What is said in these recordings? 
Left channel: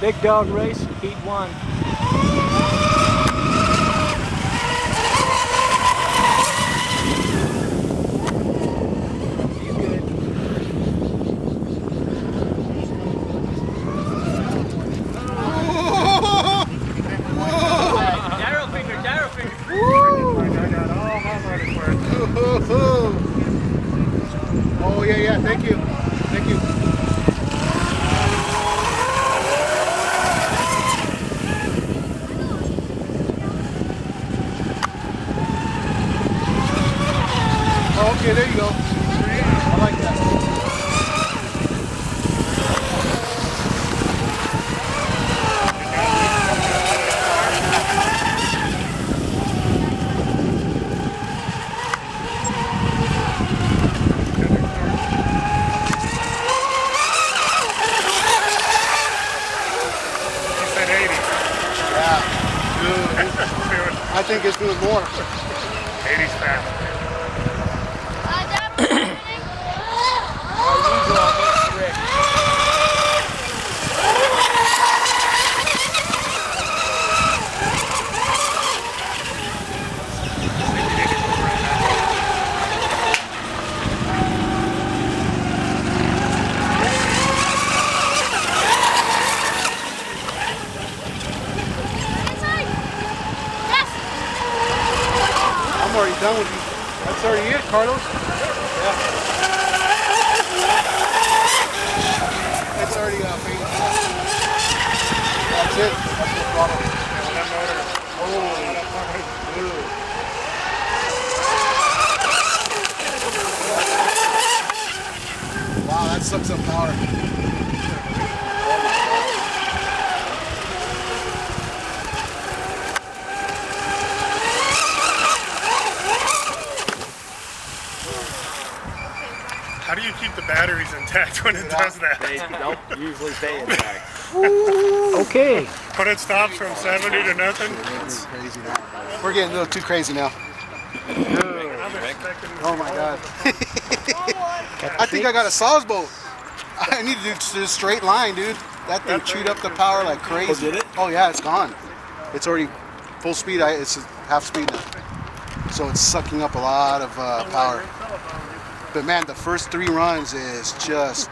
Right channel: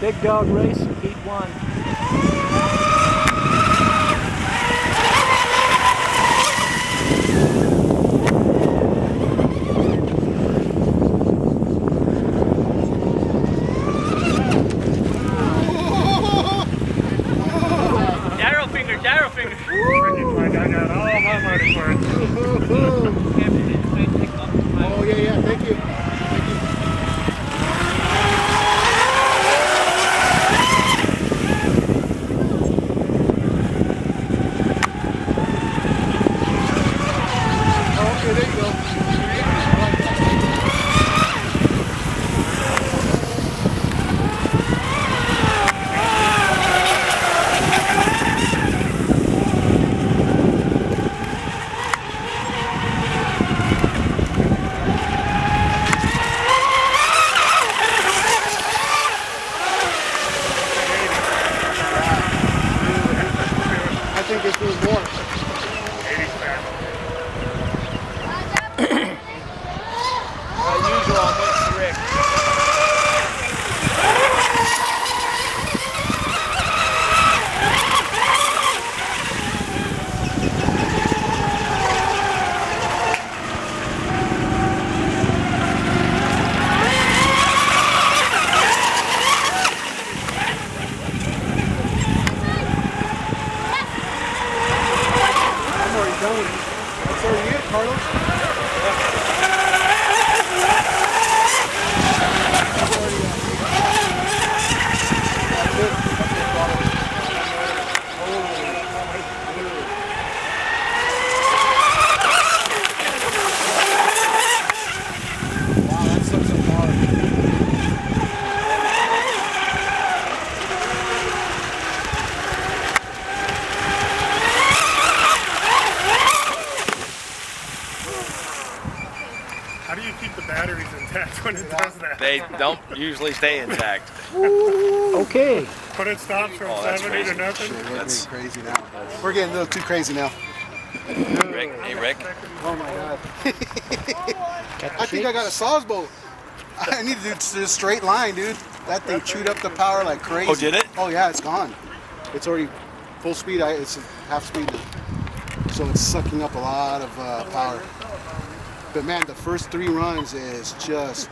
Big dog race, heat 1. Gyro finger. I got all my money for it. Oh yeah, thank you. Thank you. Oh, okay, there you go. I like that. I think there's doing more. 80's fast. As usual, I'll mix Rick. I'm already done with you. That's already it, Carlos. That's already That's it. That's it, Carlos. Wow, that sucks some power. How do you keep the batteries intact when it does that? They don't usually stay intact. Okay. When it stops from 70 to nothing? Shit, we're getting crazy now. We're getting a little too crazy now. Rick, hey Rick. Oh my God. Got the I think I got a Saw's boat. I need to do a straight line, dude. That thing chewed up the power like crazy. Oh, did it? Oh yeah, it's gone. It's already full speed. It's half speed now. So it's sucking up a lot of power. But man, the first 3 runs is just...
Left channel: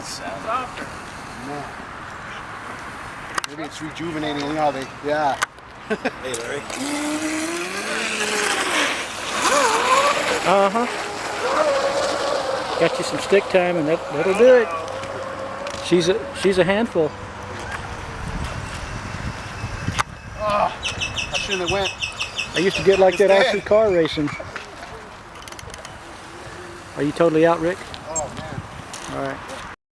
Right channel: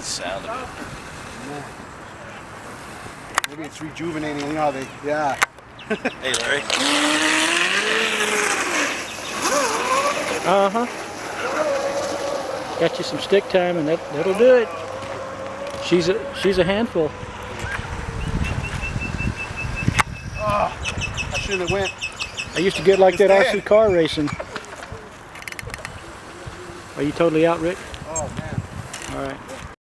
Sound of it. Man. Maybe it's rejuvenating, you know how they... Yeah. Hey Larry. Uh-huh. Got you some stick time, and that'll do it. She's a handful. Oh, I shouldn't have went. I used to get like It's that dead. RC car racing. Are you totally out, Rick? Oh man. All right.